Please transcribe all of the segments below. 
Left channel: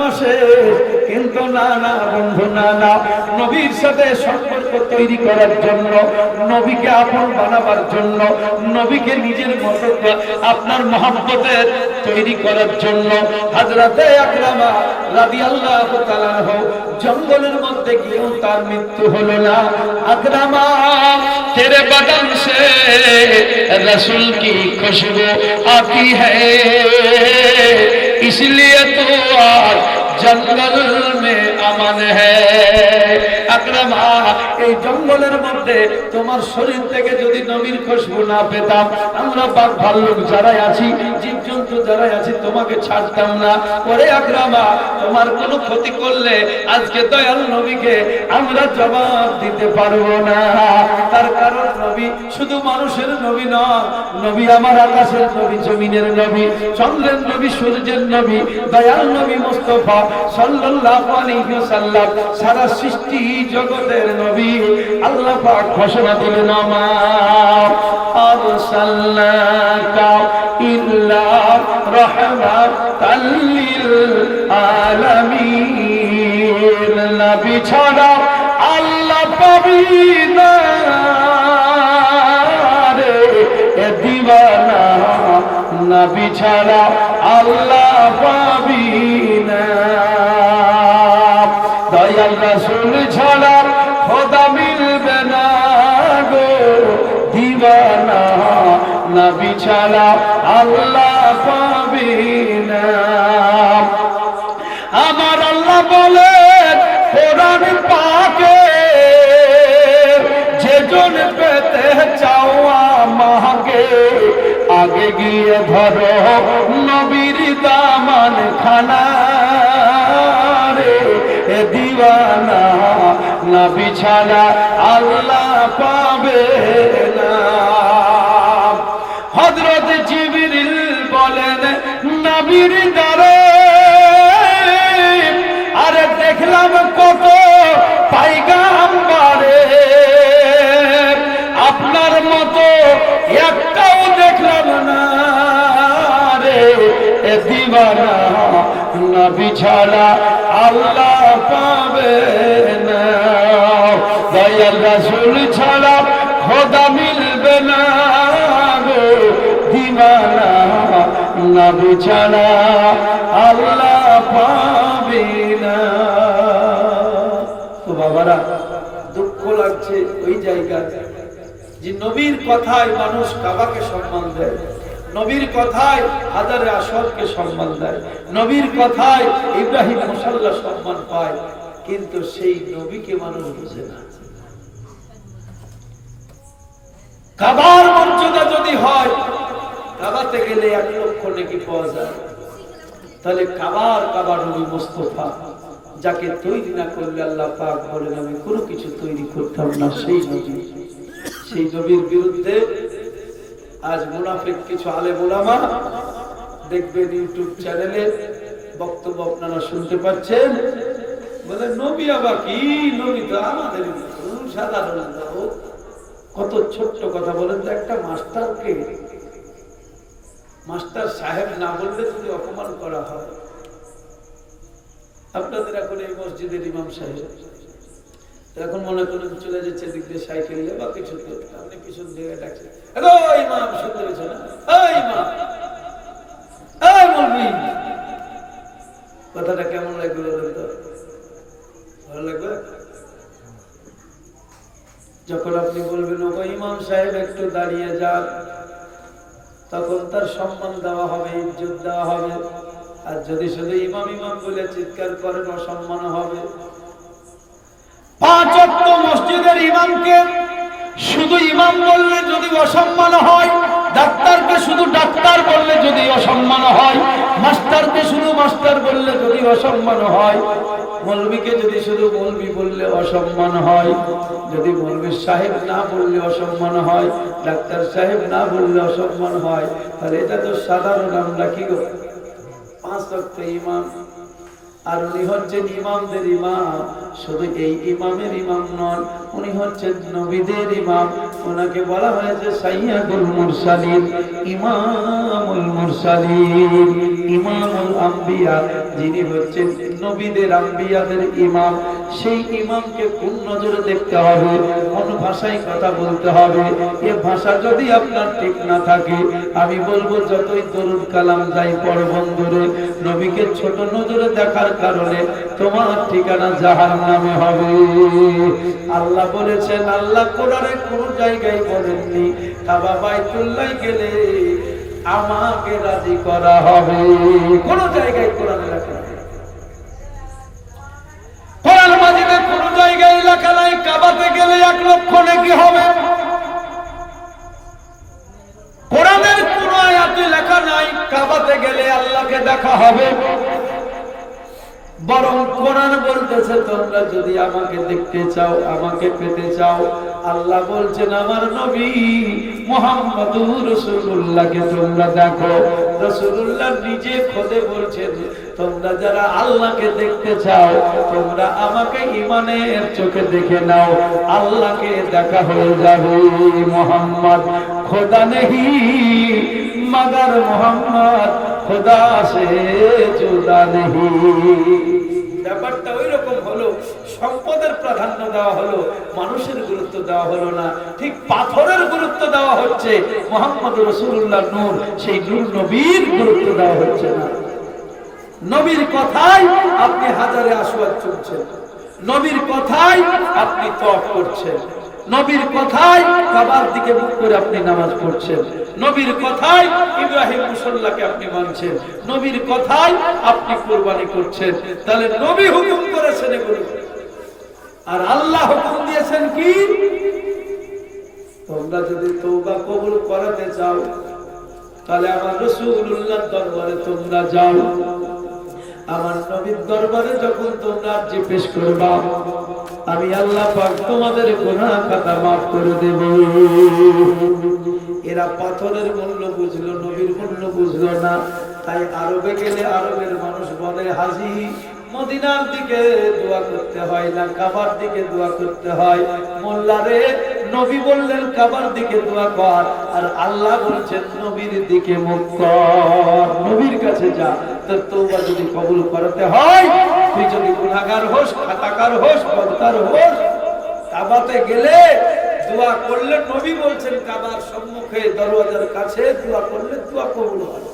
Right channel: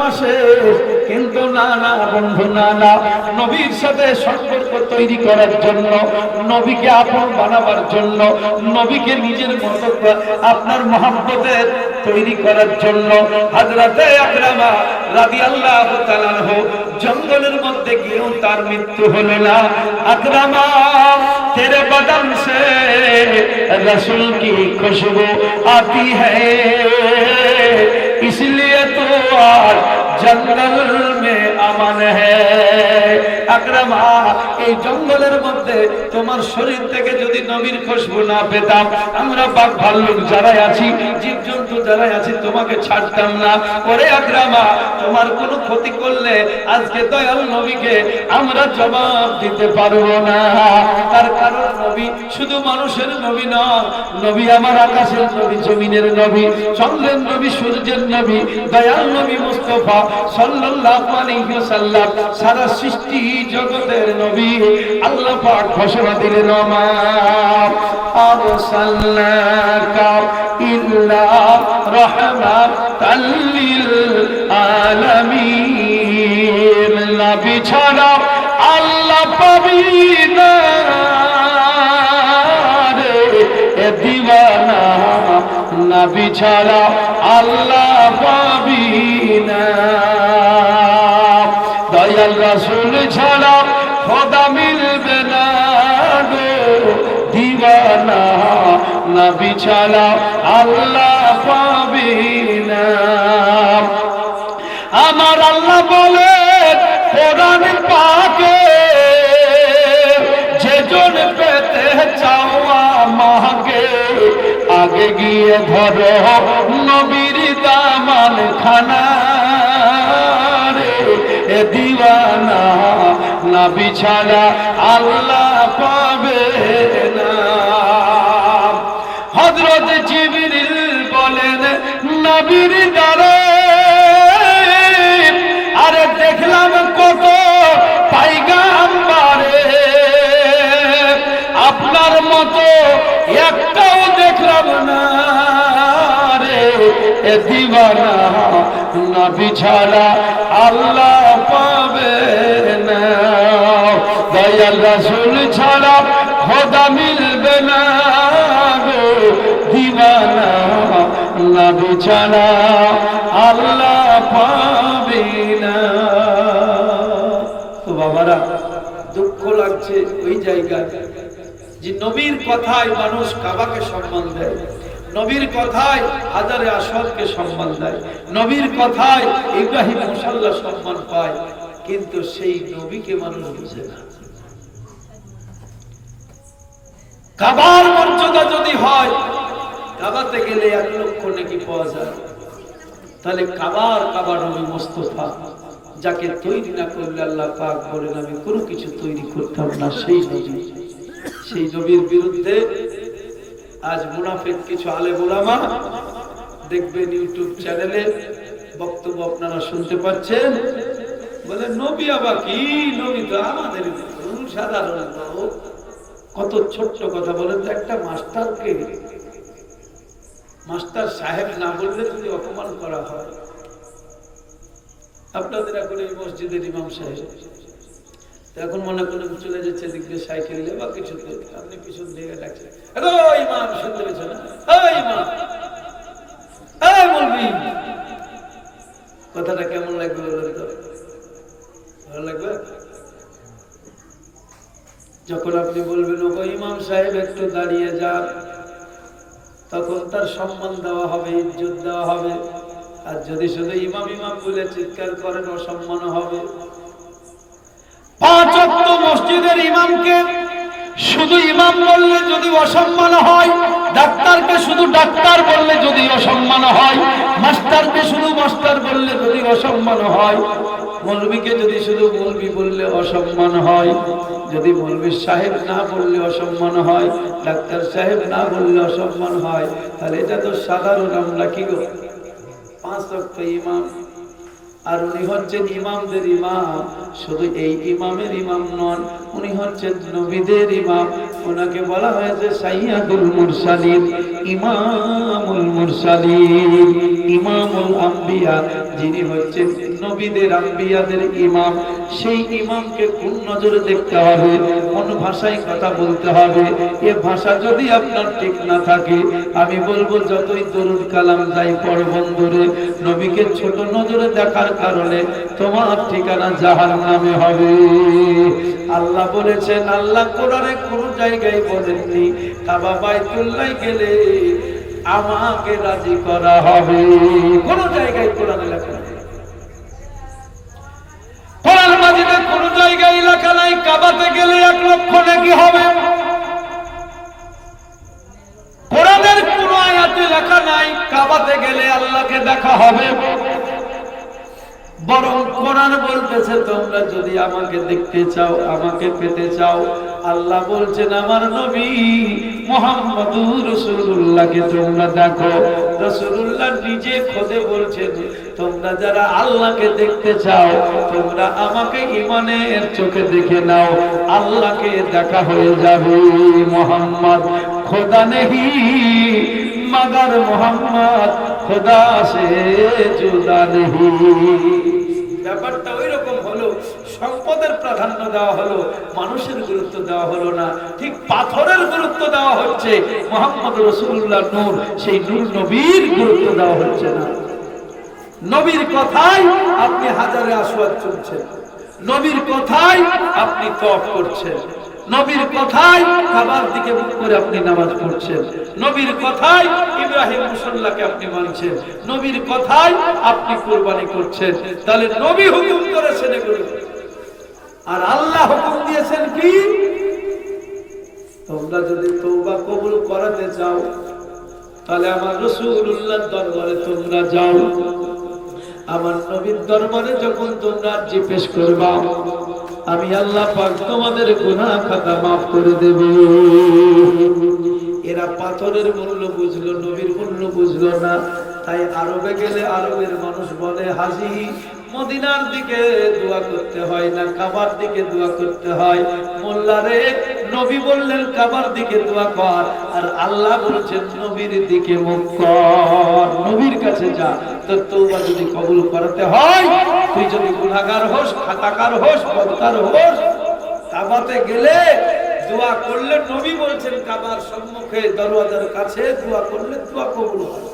মাসে, কিন্তু না না বন্ধু, না না, নবীর সাথে সম্পর্ক তৈরি করার জন্য, নবীকে আপন বানাবার জন্য, নবীকে নিজের মতো আপনার মহব্বতের তৈরি করার জন্য হযরতে আকরামা রাদিয়াল্লাহু তাআলা আনহু জঙ্গলের মধ্যে গিয়েও তার মৃত্যু হলো না। আকরামা तेरे बदन से रसूल की खुशबू आती है, इसलिए तो आज जंगल में अमन है। আকরামা, এই জঙ্গলের মধ্যে তোমার শরীর থেকে যদি নবীর খুশবু না পেতাম, আমরা বাঘ ভাল্লুক যারাই আছি, জীবজন্তু যারাই আছি, তোমাকে ছাড়তাম না। ওরে আকরামা, তোমার কোনো ক্ষতি করলে আজকে দয়াল নবীকে আমরা জবাব দিতে পারবো না। তার কারণ নবী শুধু মানুষের নবী নয়, নবী আমার আকাশের নবী, জমিনের নবী, চন্দ্রের নবী, সূর্যের নবী, দয়াল নবী মুস্তাফা সাল্লাল্লাহু আলাইহি ওয়াসাল্লাম, সারা সৃষ্টি জগতের নবী। আল্লাহ পাক ঘোষণা দিলেন, মা আরসালনাকা ইল্লা রাহমাতাল লিল আলামিন। নবী ছাড়া আল্লাহ পাবি না রে এ দিওয়ানা, নবী ছাড়া আল্লাহ পাবি না। দয়াল রাসূল ছাড়া খোদা মিলবে না গো দিওয়ানা, নবী ছাড়া আল্লাহ পাবি না। আমার আল্লাহ বলেন কোরআন পাকে, যেজন পেতে চাও আমাকে, আগে গিয়ে ধরো নবীর দামান খানা রে এ দিওয়ানা, নবী ছাড়া আল্লাহ পাবে না। হযরত জিবরিল বলেন নবীর দরে, আরে দেখলাম কত পয়গম্বরে, আপনার মতো একটাও দেখলাম না রে এ দিওয়ানা, নবী ছাড়া আল্লাহ পাবে না। দয়াল রাসূল ছাড়া খোদা মিলবে না গো দিওয়ানা, নবী ছাড়া আল্লাহ পাবে না। তো বাবারা, দুঃখ লাগছে ওই জায়গায় যে নবীর কথায় মানুষ কাবাকে সম্মান দেয়, নবীর কথায় হাজারে আসওয়াদকে সম্মান দেয়, নবীর কথায় ইব্রাহিম মুসাল্লা সম্মান পায়, কিন্তু সেই নবীকে মানুষ বুঝে না। কাবার মর্যাদা যদি হয়, কাবাতে গেলে 1 লক্ষ নেকি পাওয়া যায়, তাহলে কাবা নবী মুস্তাফা, যাকে তৈরি না করলে আল্লাহ পাক বলেন আমি কোনো কিছু তৈরি করতাম না, সেই নবী, সেই নবীর বিরুদ্ধে আজ মুনাফিক কিছু আলেম ওলামা দেখবেন ইউটিউব চ্যানেলে বক্তব্য আপনারা শুনতে পাচ্ছেন, বলে নবী আবার কি, নবী তো আমাদের সাধারণ লোক। কত ছোট্ট কথা বলেন তো, একটা মাস্টারকে মাস্টার সাহেব না বললে যদি অপমান করা হয়, আপনাদের এখন এই মসজিদের ইমাম সাহেব এখন মনে করেন চলে যাচ্ছে দিক দিয়ে সাইকেল নিয়ে বা কিছু, আপনি পিছন দিয়ে ডাকছেন, ইমাম শুনতে পেয়েছ না, ইমাম বলবি, কথাটা কেমন লাগবে বলেন তো? ভালো লাগবে? যখন আপনি বলবেন ও ইমাম সাহেব একটু দাঁড়িয়ে যান, তখন তার সম্মান দেওয়া হবে, ইজ্জত দেওয়া হবে। আর যদি শুধু ইমাম ইমাম বলে চিৎকার করেন, অসম্মান হবে। 5 ওয়াক্ত মসজিদের ইমামকে শুধু ইমাম বললে যদি অসম্মান হয়, ডাক্তারকে শুধু ডাক্তার বললে যদি অসম্মান হয়, মাস্টারকে শুধু মাস্টার বললে যদি অসম্মান হয়, মৌলবীকে যদি শুধু মৌলবী বললে অসম্মান হয়, যদি মৌলবী সাহেব না বললে অসম্মান হয়, ডাক্তার সাহেব না বললে অসম্মান হয়, তাহলে এটা তো সাধারণ আমরা কি গো 5 ওয়াক্ত ইমাম। আর উনি হচ্ছেন ইমামদের ইমাম, শুধু এই ইমামের ইমাম নন, উনি হচ্ছেন নবীদের ইমাম। ওনাকে বলা হয়েছে সাইয়্যিদুল মুরসালিন, ইমামুল মুরসালিন। ইমামুল আম্বিয়া, যিনি হচ্ছেন নবীদের আম্বিয়াদের ইমাম, সেই ইমামকে কোন নজরে দেখতে হবে, কোন ভাষায় কথা বলতে হবে। এ ভাষা যদি আপনার ঠিক না থাকে, আমি বলবো যতই দরুদ কালাম যাই পড় বন্ধুরে, নবীকে ছোট নজরে দেখার কারণে তোমার ঠিকানা জাহান্নামে হবে। আল্লাহ বলেছেন, আল্লাহ কোরআনে কোন জায়গায় বলেননি কাবা বাইতুল্লাহ গেলে আমাকে রাজি করা হবে, কোন জায়গায় কোরআনে লেখা নেই। কোরআন মাজিদে কোন জায়গায় লেখা নাই কাবাতে গেলে 1 লক্ষ নেকি হবে। কোরআনের কোন আয়াতে লেখা নাই কাবাতে গেলে আল্লাহকে দেখা হবে। বরং কোরআন বলতেছে, তোমরা যদি আমাকে দেখতে চাও, আমাকে পেতে চাও, আল্লাহ বলছেন আমার নবী মুহাম্মদুর রাসূলুল্লাহকে তোমরা দেখো। রাসূলুল্লাহ নিজে খোদে বলছেন, তোমরা যারা আল্লাহকে দেখতে চাও, তোমরা আমাকে ঈমানের চোখে দেখে নাও, আল্লাহকে দেখা হয়ে যাবে। মুহাম্মদ খোদা নেহি মগর মুহাম্মদ খোদা সে জুদা নেহি। ব্যাপারটা ওই রকম হলো, সম্পদের প্রাধান্য দেওয়া হলো, মানুষের গুরুত্ব দেওয়া হলো না। ঠিক পাথরের গুরুত্ব দেওয়া হচ্ছে, মুহাম্মদ রাসূলুল্লাহ নূর, সেই নূর নবীর গুরুত্ব দেওয়া হচ্ছে না। নবীর কথায় আপনি হাজারে আসওয়াদ চলছেন, নবীর কথায় আপনি তওয়াফ করছেন, নবীর কথায় কাবার দিকে মুখ করে আপনি নামাজ পড়ছেন, নবীর কথায় ইব্রাহিম মুসল্লাকে আপনি মানছেন, নবীর কথায় আপনি কুরবানি করছেন। তাহলে নবী হুকুম করেছেন এগুলো, আর আল্লাহ হুকুম দিয়েছেন কি? তোমরা যদি তওবা কবুল করাতে চাও, তাহলে আমার রাসূলুল্লাহর দরবারে তোমরা যাও। আমার নবীর দরবারে যখন তোমরা আরজি পেশ করবা, আমি আল্লাহ পাক তোমাদের গুনাহ খাতা maaf করে দেব। এরা পাথরের মূল্য বুঝলো, নবীর মূল্য বুঝলো না। তাই আরবে গেলে আরবের মানুষ বলে, হাজী মদিনার দিকে দোয়া করতে হয় না, কাবার দিকে দোয়া করতে হয়। মোল্লা রে, নবী বললেন কাবার দিকে দোয়া কর, আর আল্লাহ বলছেন নবীর দিকে মুখ কর, নবীর কাছে যা। তোর তওবা যদি কবুল করতে হয়, তুই যদি গুনাহগার হোস, খাতাকার হোস, বদকার হোস, কাবাতে গেলে দোয়া করলে, নবী বলছেন কাবার সম্মুখে দরওয়াজার কাছে দোয়া করলে দোয়া কবুল হয়।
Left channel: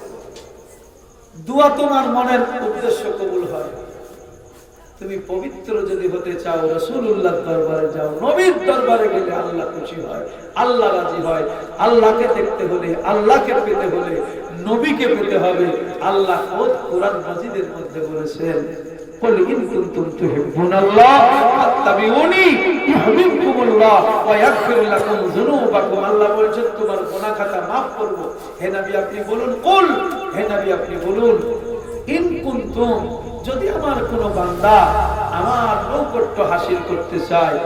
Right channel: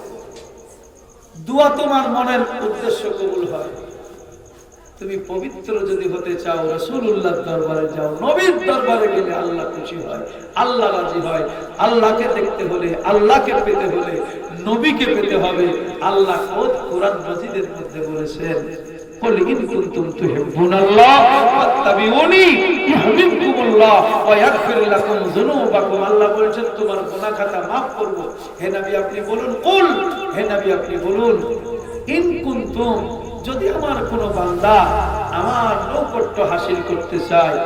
দোয়া তোমার মনের উদ্দেশ্য কবুল হয়। তুমি পবিত্র যদি হতে চাও, রাসূলুল্লাহর দরবারে যাও, নবীর দরবারে গেলে আল্লাহ খুশি হয়, আল্লাহ রাজি হয়। আল্লাহকে দেখতে হলে, আল্লাহকে পেতে হলে, নবীকে পেতে হবে। আল্লাহ খোদ কোরআন মাজিদের মধ্যে বলেছেন, কুল ইন কুনতুম তুহিব্বুনাল্লাহ ফাত্তাবিউনি ইউহিব্বুকুমুল্লাহ ওয়া ইয়াগফির লাকুম যুনুবাকুম। আল্লাহ বলেন তোমার গুনাহ খাতা maaf করব। হে নবী আপনি বলুন, কুল, হে নবী আপনি বলুন, ইন কুনতুম, যদি আমার কোন বান্দা আমার নৈকট্য হাসিল করতে চায়,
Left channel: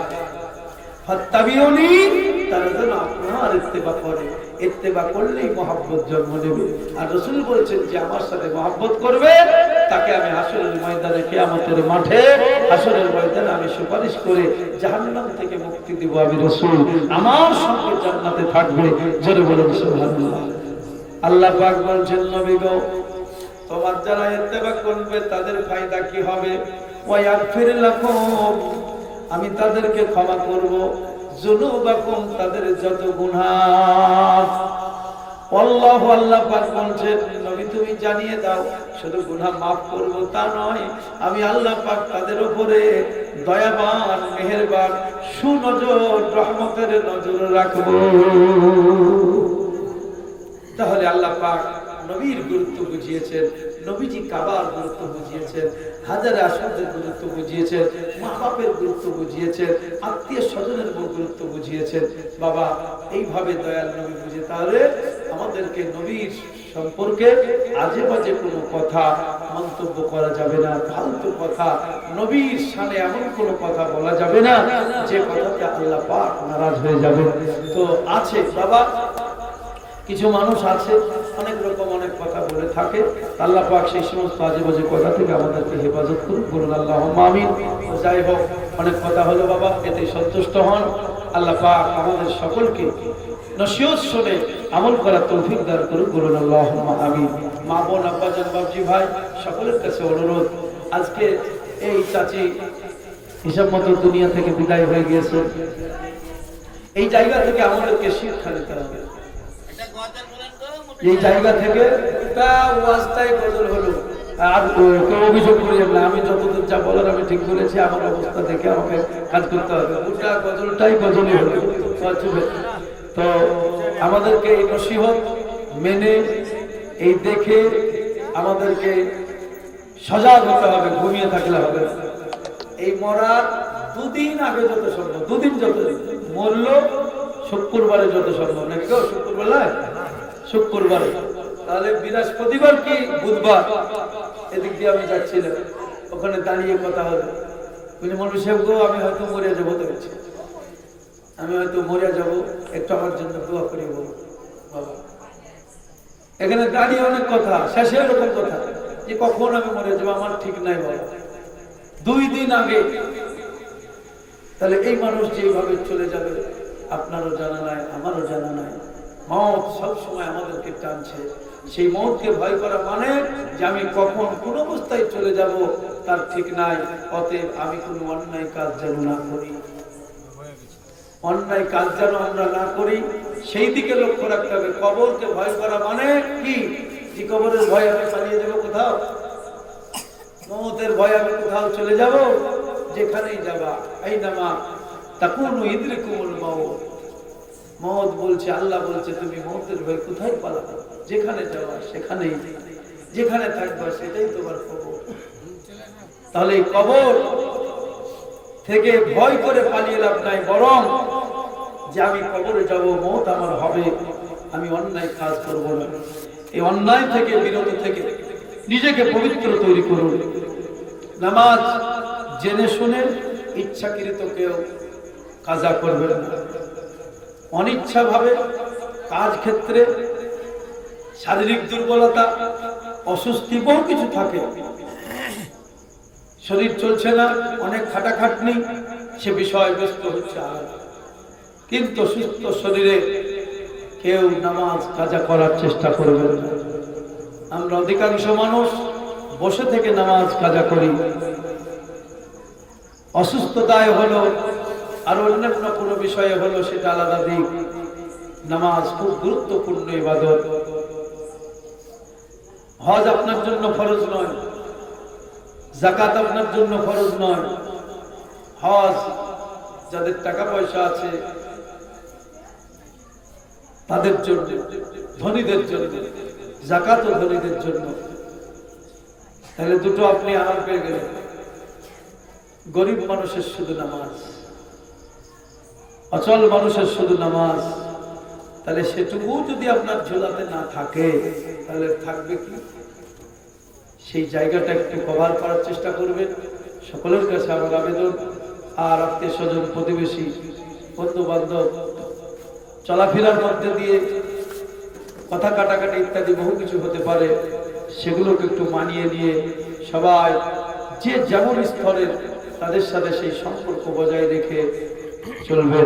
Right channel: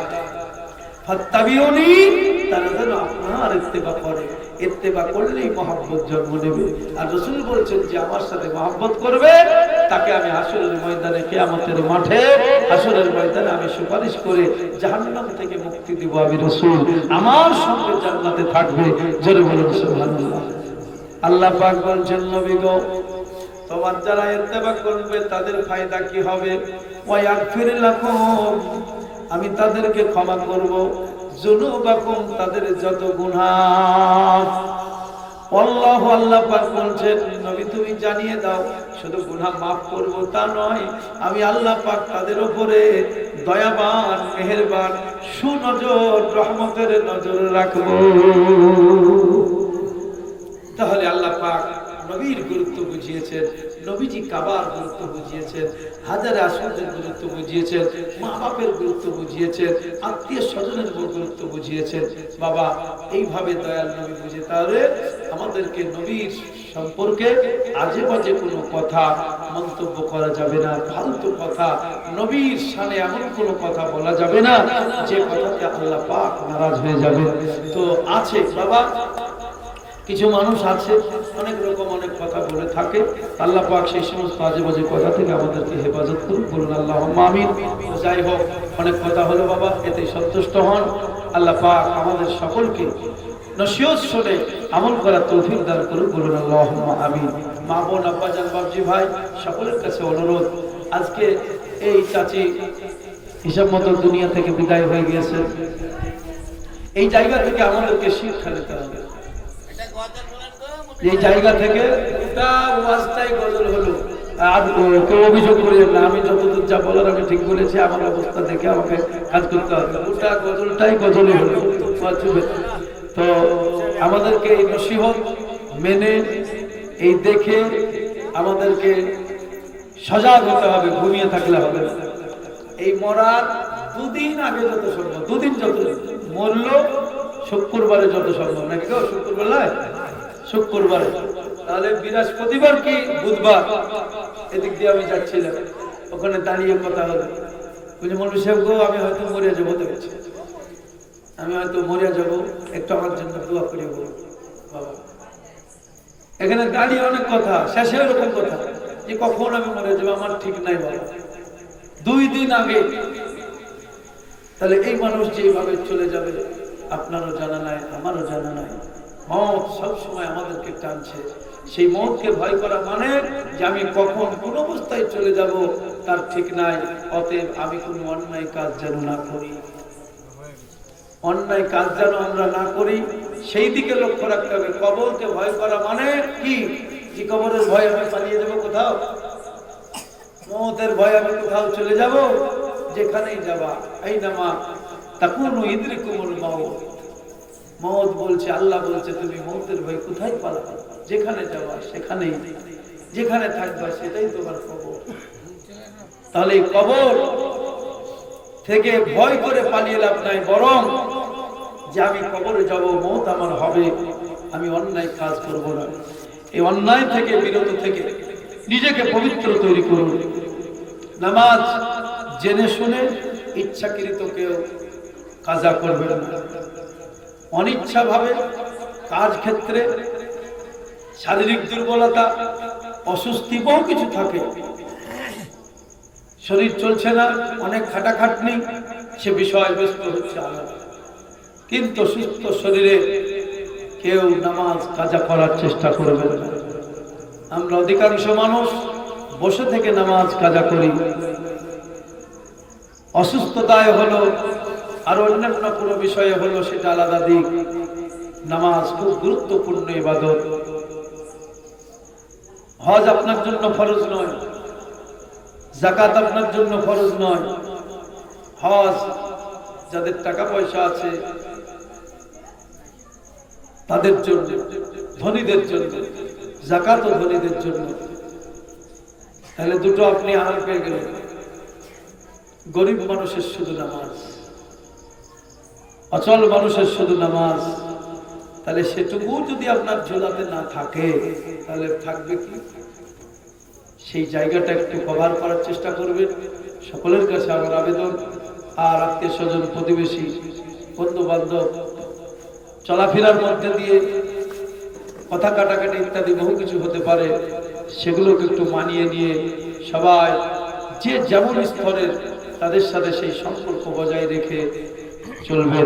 ফাত্তাবিউনি, তারা যেন আপনার ইত্তেবা করে। ইত্তেবা করলেই মহব্বত জন্ম নেবে। আর রাসূল বলছেন যে আমার সাথে মহব্বত করবে, তাকে আমি হাসরের ময়দানে, কিয়ামতের মাঠে, হাসরের ময়দানে আমি সুপারিশ করে জাহান্নাম থেকে মুক্তি দিব। আমি রাসূল আমার সঙ্গে জান্নাতে থাকবে। জোরে বলুন সুবহানাল্লাহ। আল্লাহ পাক বলছেন, নবী গো, তোমার যারা ইত্তেবা করবে তাদের ফায়দা কি হবে? ওয়া ইয়াগফির লাকুম, আমি তাদেরকে ক্ষমা করব, যুনুবাকুম, তাদের যত গুনাহ। আল্লাহু, আল্লাহ পাক বলছেন, নবী তুমি জানিয়ে দাও, শুধু গুনাহ maaf করব তা নয়, আমি আল্লাহ পাক তাদের উপরে দয়াবান, মেহেরবান, সুনজর, রহমতের নজর রাখব। তাহলে আল্লাহ পাক নবীর গুরুত্ব বুঝিয়েছেন, নবীজি কাবার গুরুত্ব বুঝিয়েছেন, হাজারে আসওয়াদের গুরুত্ব বুঝিয়েছেন, মা বাপের গুরুত্ব বুঝিয়েছেন, আত্মীয় স্বজনের গুরুত্ব বুঝিয়েছেন। বাবা, এইভাবে দয়াল নবী বুঝে, তাহলে আমাদেরকে নবীর সম্পর্কে আজে বাজে কোনো কথা মন্তব্য করা যাবে না, ফালতু কথা, নবীর সামনে এমন কোনো কথা বলা যাবে না যে কথাতে আল্লাহ পাক নারাজ হয়ে যাবে। তো আছে বাবা, কিছু মানুষ আছে অনেক রকম অনেক কথা বলে থাকে। আল্লাহ পাক সেই সমস্ত আজে বাজে কথা থেকে আমাদেরকে হেফাজত করুন, বলুন আল্লাহুম্মা আমিন। যাই হোক, অনেক কথা হলো বাবা, এতে সন্তুষ্ট হন। আল্লাহ পাক আমাদের সকলকে নসিহত শুনে আমল করার তৌফিক দান করুন, বলুন আল্লাহুম্মা আমিন। মা বোন, আব্বাজান, বাবজি ভাই সকলের কাছে অনুরোধ, আজকে এই চাচি হিসাব মতো দুনিয়া থেকে বিদায় হয়ে গিয়েছে। এই জায়গা থেকে আমাদেরকে শিক্ষা নিতে হবে। এই জায়গা থেকে ওয়াজটাই বদল হলো। আর কেউ অভিযোগ করে না, আমি যতদূর যা বলার আমি ঠিক করেছি, আমার অবস্থা দেখে আমাকে কাজ করতে হবে। গোটা গজলটাই বদলই হলো। তো আমাদেরকে এই নসিহত মেনে এই দেখে আমাদেরকে সজাগ হতে হবে, ঘুমিয়ে থাকলে হবে। এই মরার দুদিন আগে যত সম্ভব, দুদিন যত মরল, শুক্রবারে যত সম্ভব, নাকি কেউ শুক্রবার নয়, শুক্রবারে, তাহলে বৃহস্পতিবার কি বুধবার, এদিক দিয়ে আমি যাচ্ছিলাম, ওখানে দাঁড়িয়ে কথা হলো, মৌলভী সাহেব গো আমি হয়তো মরিয়া যাবো, দেখছি আমি হয়তো মরিয়া যাবো, একটু আমার জন্য দোয়া করে বলো বাবা। এখানে দাঁড়িয়ে অনেক কথা, শেষে এরকম কথা যে কখন আমি মরে যাবো, আমার ঠিক নাই বাবা, 2 দিন আগে। তাহলে এই মানুষ যেভাবে চলে যাবে আপনারও জানা নাই, আমারও জানা নাই। মওত সবসময় আমাদেরকে টানছে। সেই মওতকে ভয় করা মানে যে আমি কখন কোন অবস্থায় চলে যাব তার ঠিক নাই। অতএব আমি কোনো অন্যায় কাজ যেন না করি, অন্যায় কাজ যেন আমরা না করি, সেই দিকে লক্ষ্য রাখতে হবে। কবরকে ভয় করা মানে কি? যে কবরের ভয় আমি পালিয়ে যাব কোথাও, মওতের ভয় আমি কোথাও চলে যাব, যেখানেই যাবা আইনামা তাকুনু ইদরিকুমুল মাউত। মওত বলছে, আল্লাহ বলছে তুমি মওতের ভয় কোথায় পালাবে, যেখানে যাবা সেখানেই, যেখানে থাকবা সেটাই তোমার কবর। তাহলে এই কবর থেকে ভয় করে পালিয়ে লাভ নাই, বরং যে আমি কবরে যাব, মওত আমার হবে, আমি অন্যায় কাজ করব না। এই অন্যায় থেকে বিরত থেকে নিজেকে পবিত্র তৈরি করুন। নামাজ জেনে শুনে ইচ্ছাকৃত কেউ কাজা করবেন না। অনিচ্ছা ভাবে কাজ ক্ষেত্রে শারীরিক দুর্বলতা, অসুস্থি, বহু কিছু থাকে, শরীর চলছে না, অনেক খাটাখাটনি, সে বিষয়ে ব্যস্ত হচ্ছে আলাদা। কিন্তু সুস্থ শরীরে কেউ নামাজ কাজা করার চেষ্টা করবেন না। আমরা অধিকাংশ মানুষ বসে থেকে নামাজ কাজা করি। অসুস্থতায় হলো আর অন্যান্য কোনো বিষয়ে হলো, সেটা আলাদা দিক। নামাজ খুব গুরুত্বপূর্ণ ইবাদত। হজ আপনার জন্য ফরজ নয়, যাকাত আপনার জন্য ফরজ নয়। হজ যাদের টাকা পয়সা আছে তাদের জন্য, ধনীদের জন্য, যাকাত ও ধনীদের জন্য। তাহলে দুটো আপনি আরাম পেয়ে গেলেন। গরিব মানুষের শুধু নামাজ, অচল মানুষের শুধু নামাজ, তাহলে সেটুকু যদি আপনার ঝোলাতে না থাকে তাহলে থাকবে কি? সেই জায়গাটা একটু কভার করার চেষ্টা করবেন। সকলের কাছে আমার আবেদন। আর আত্মীয় স্বজন, প্রতিবেশী, বন্ধু বান্ধব, চলাফেরার মধ্যে দিয়ে কথা কাটাকাটি ইত্যাদি বহু কিছু হতে পারে, সেগুলোকে একটু মানিয়ে নিয়ে সবাই যে যেমন স্তরের তাদের সাথে সেই সম্পর্ক বজায় রেখে চলবে।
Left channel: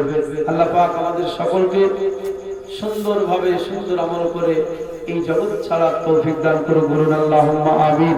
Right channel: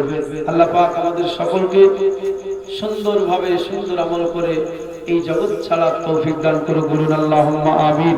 আল্লাহ পাক আমাদের সকলকে সুন্দরভাবে সুন্দর আমল করে এই জগৎ ছাড়ার তৌফিক দান করুন, বলুন আল্লাহুম্মা আমিন।